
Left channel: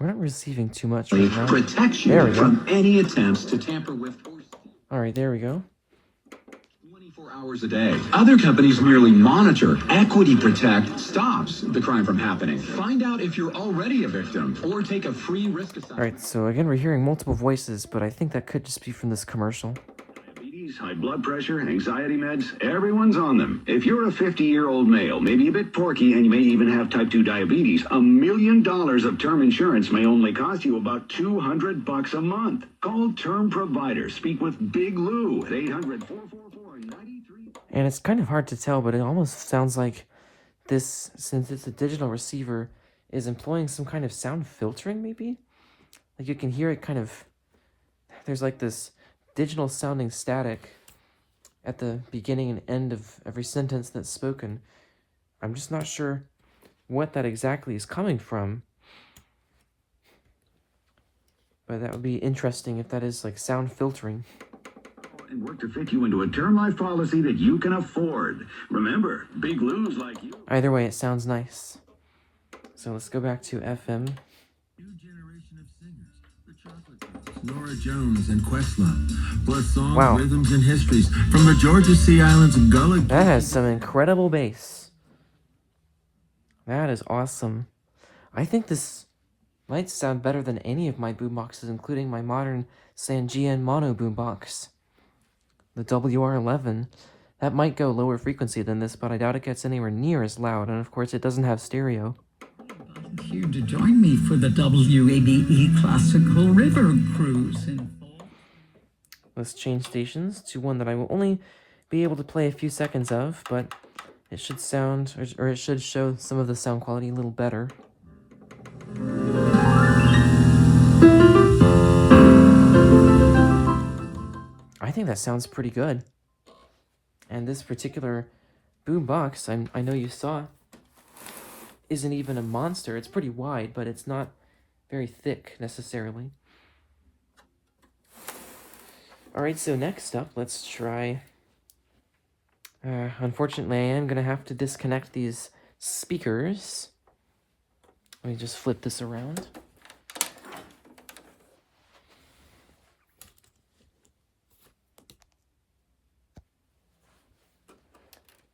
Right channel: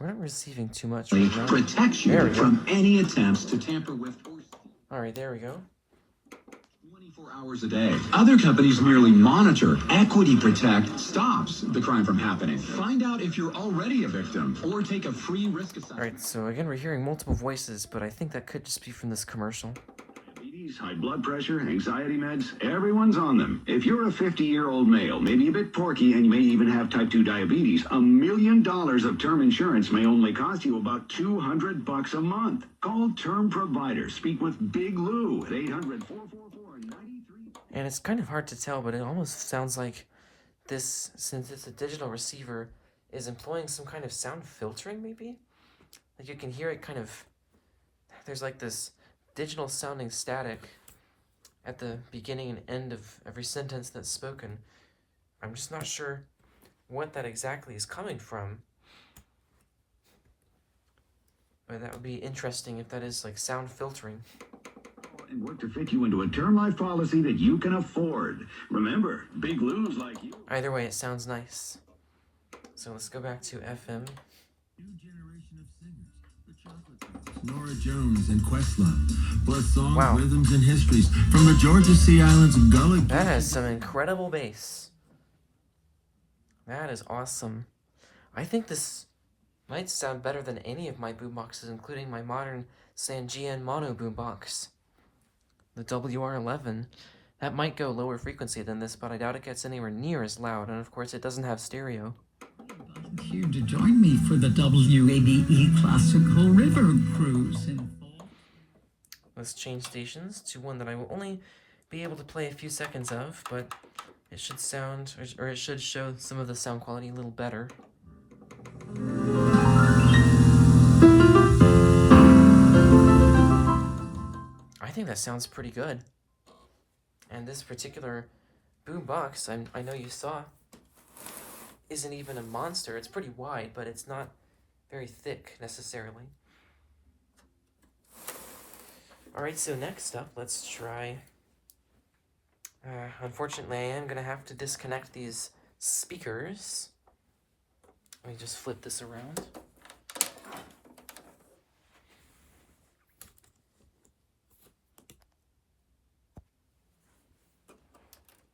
We're not receiving too much right now. Protects There you we go. from any attempts to tamper with or Alright, there we go. 24 hours a day. Other companies merely monitor. Equity Protect stops the crime from happening. Find out if you're already a victim or take a free risk assessment. Alright, so again, we're hearing multiple voices, but I think that could just be from this commercial. Diabetes, high blood pressure, anxiety meds, everyone's on them. If you're a 50-year-old male, maybe a bit porky, and you may even have type 2 diabetes, $1 million of term insurance may only cost you about $200 a month. Call Term Provider. Speak with Big Lou at 800-444-93. And it's kind of hard to tell, but it almost sounds like this, since it's a digital receiver, is employing some kind of sound filtering, maybe? Like you can hear it kind of, there's like this digital sounding static at the beginning and end of every sentence that's spoken. I'm just not sure what that exactly is coming from. But that would be interesting if that is like sound filtering. and work to fit you into a term life policy that you can afford. Remember, big Lou's like you. Either way, it sounds nice. So let's go back to FM. New generation of singers, the Chocolate Drops, Nora Jones and Questlove, plus songs, Wow. rhythms, and histories from the Georgia Sea Islands and Gullah. That has some incredible bass. That is awesome. I think this might sound better than any of my boomboxes, including my modern Sangean mono boombox, the WR11. That might go lower frequency than this, but I doubt it gets anywhere near as loud, and of course it doesn't have stereo. Here to join me for the WABE Classical River Cruise in fall. Let's change stations to one that I will only be able to play a few seconds of, but it should sound, or it should show some of the sound quality a little better. I think that sounds pretty good. And this particular boombox, I know you saw, isn't even a monster. It's pretty wide, but it's not very thick necessarily. Alright, so next up, let's try... unfortunately, I am going to have to disconnect these speakers. Let me just flip this around.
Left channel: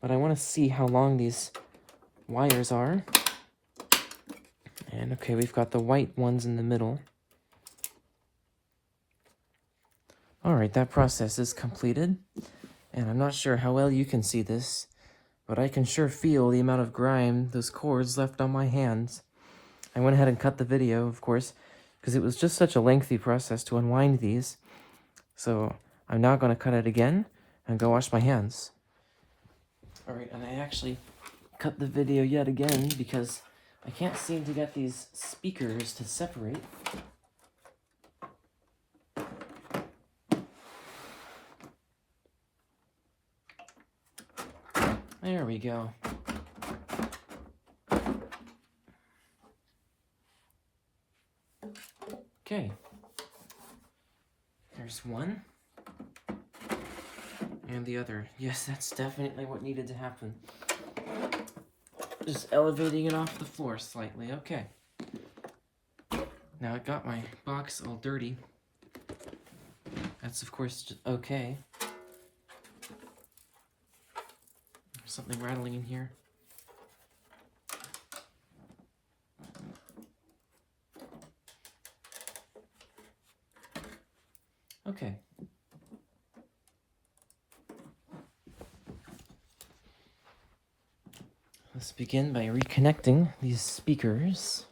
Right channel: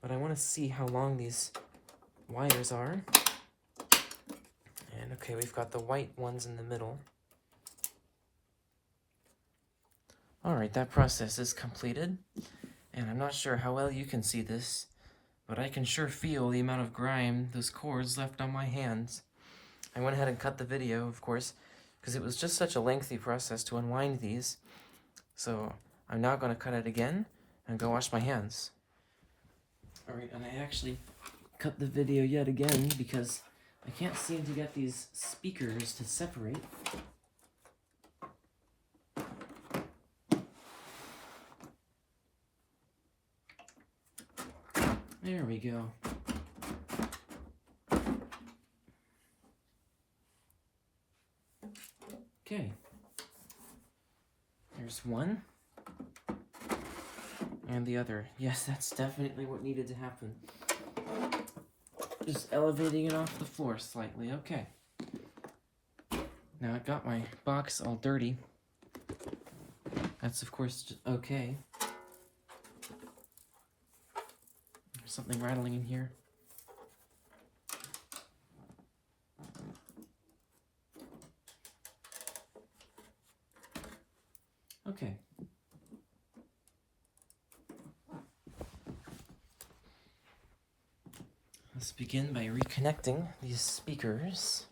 But I want to see how long these wires are. And okay, we've got the white ones in the middle. Alright, that process is completed. And I'm not sure how well you can see this, but I can sure feel the amount of grime those cords left on my hands. I went ahead and cut the video, of course, because it was just such a lengthy process to unwind these. So I'm now going to cut it again and go wash my hands. Alright, and I actually cut the video yet again because I can't seem to get these speakers to separate. There we go. Okay. There's one. And the other. Yes, that's definitely what needed to happen. Just elevating it off the floor slightly. Okay. Now I got my box all dirty. That's of course okay. There's something rattling in here. Okay. Let's begin by reconnecting these speakers.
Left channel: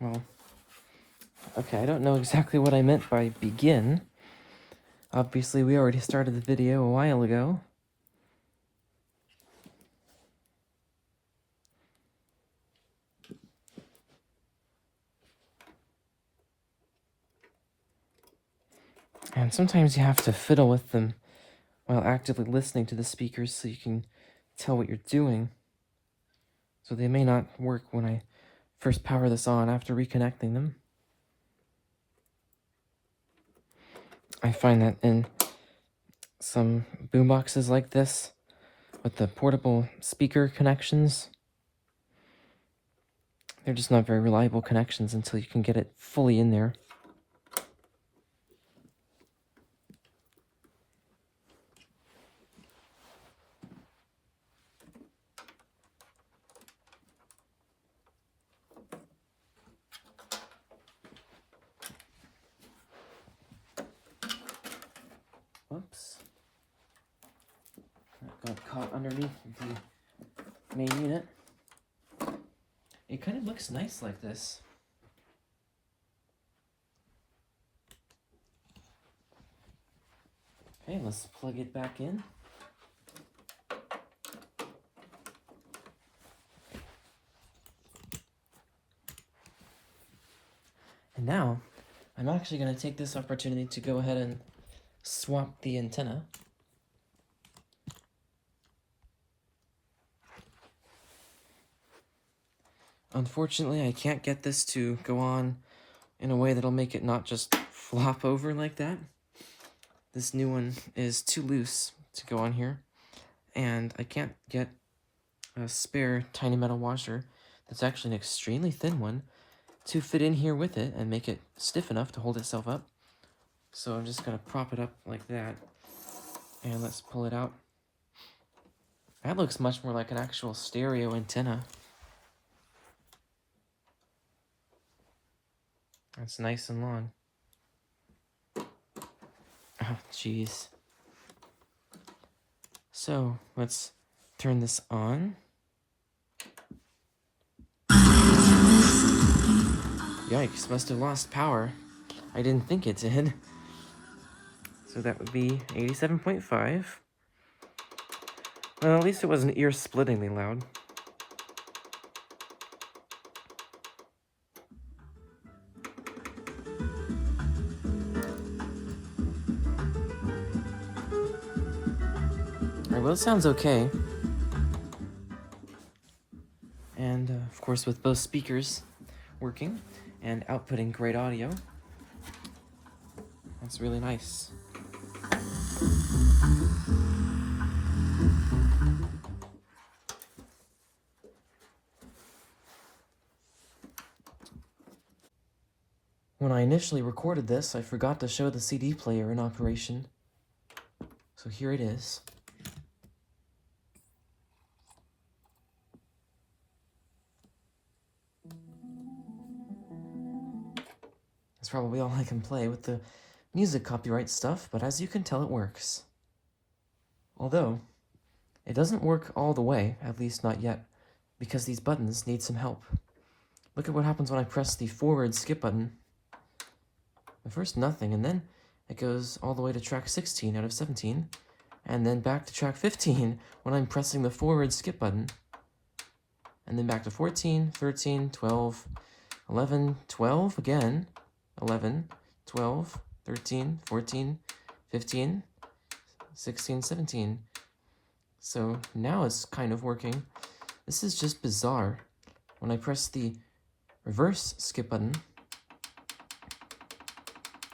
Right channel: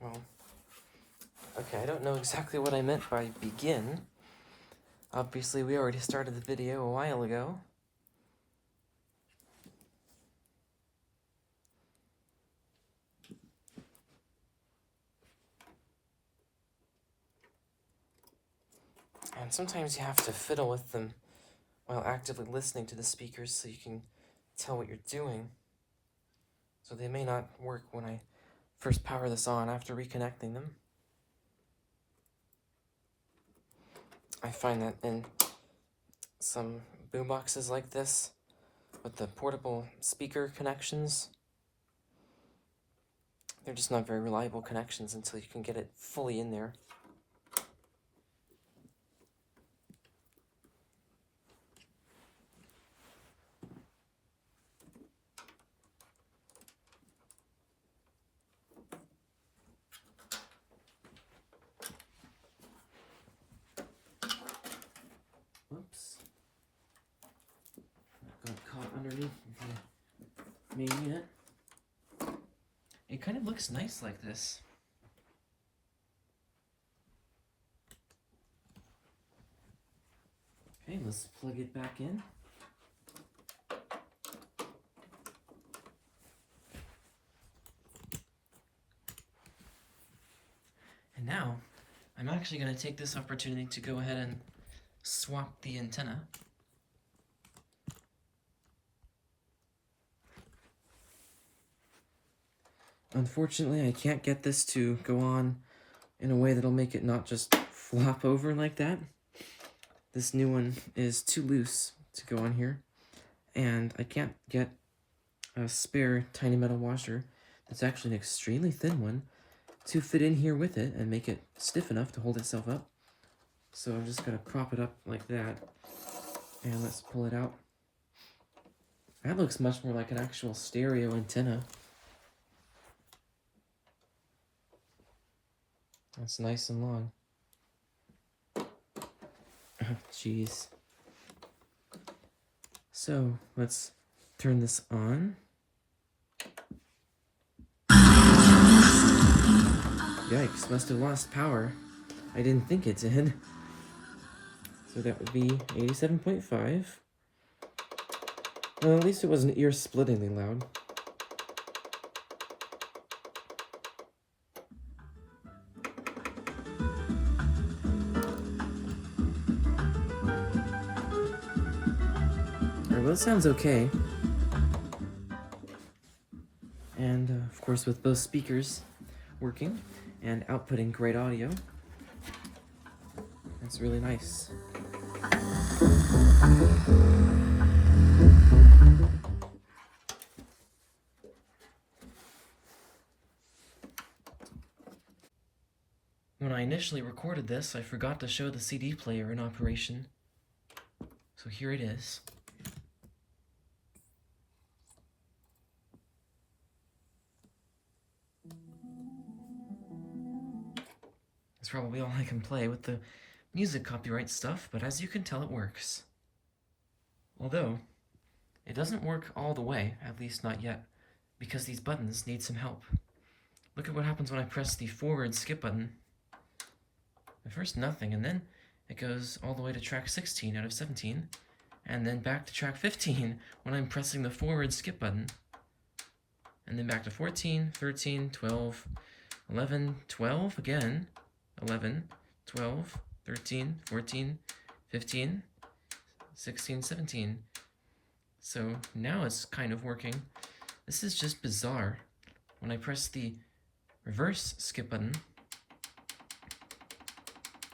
Well, okay, I don't know exactly what I meant by begin. Obviously, we already started the video a while ago. And sometimes you have to fiddle with them while actively listening to the speakers so you can tell what you're doing. So they may not work when I first power this on after reconnecting them. I find that in some boomboxes like this, with the portable speaker connections, they're just not very reliable connections until you can get it fully in there. Whoops. That got caught underneath the main unit. It kind of looks nice like this. Okay, let's plug it back in. And now, I'm actually going to take this opportunity to go ahead and swap the antenna. Unfortunately, I can't get this to go on in a way that'll make it not just flop over like that. this new one is too loose to go on here, and I can't get a spare tiny metal washer that's actually an extremely thin one to fit in here with it and make it stiff enough to hold itself up. So I'm just going to prop it up like that, and let's pull it out. That looks much more like an actual stereo antenna. That's nice and long. Oh, jeez. So, let's turn this on. Yikes, must have lost power. I didn't think it did. So that would be 87.5. Well, at least it wasn't ear-splittingly loud. Alright, well, it sounds okay. And, of course, with both speakers working and outputting great audio, that's really nice. When I initially recorded this, I forgot to show the CD player in operation. So here it is. That's probably all I can play with the music copyright stuff, but as you can tell, it works. Although, it doesn't work all the way, at least not yet, because these buttons need some help. Look at what happens when I press the forward skip button. At first nothing, and then it goes all the way to track 16 out of 17, and then back to track 15 when I'm pressing the forward skip button. And then back to 14, 13, 12, 11, 12 again, 11, 12, 13, 14, 15, 16, 17. So now it's kind of working. This is just bizarre. When I press the reverse skip button,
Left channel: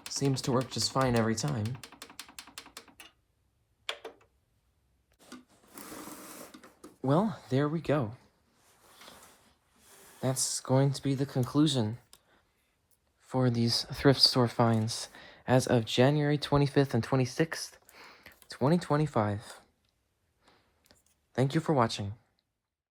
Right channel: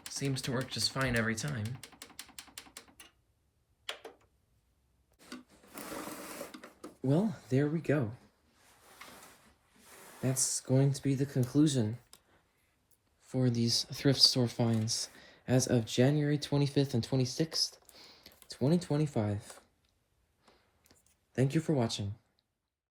it seems to work just fine every time. Well, there we go. That's going to be the conclusion for these thrift store finds as of January 25th and 26th, 2025. Thank you for watching.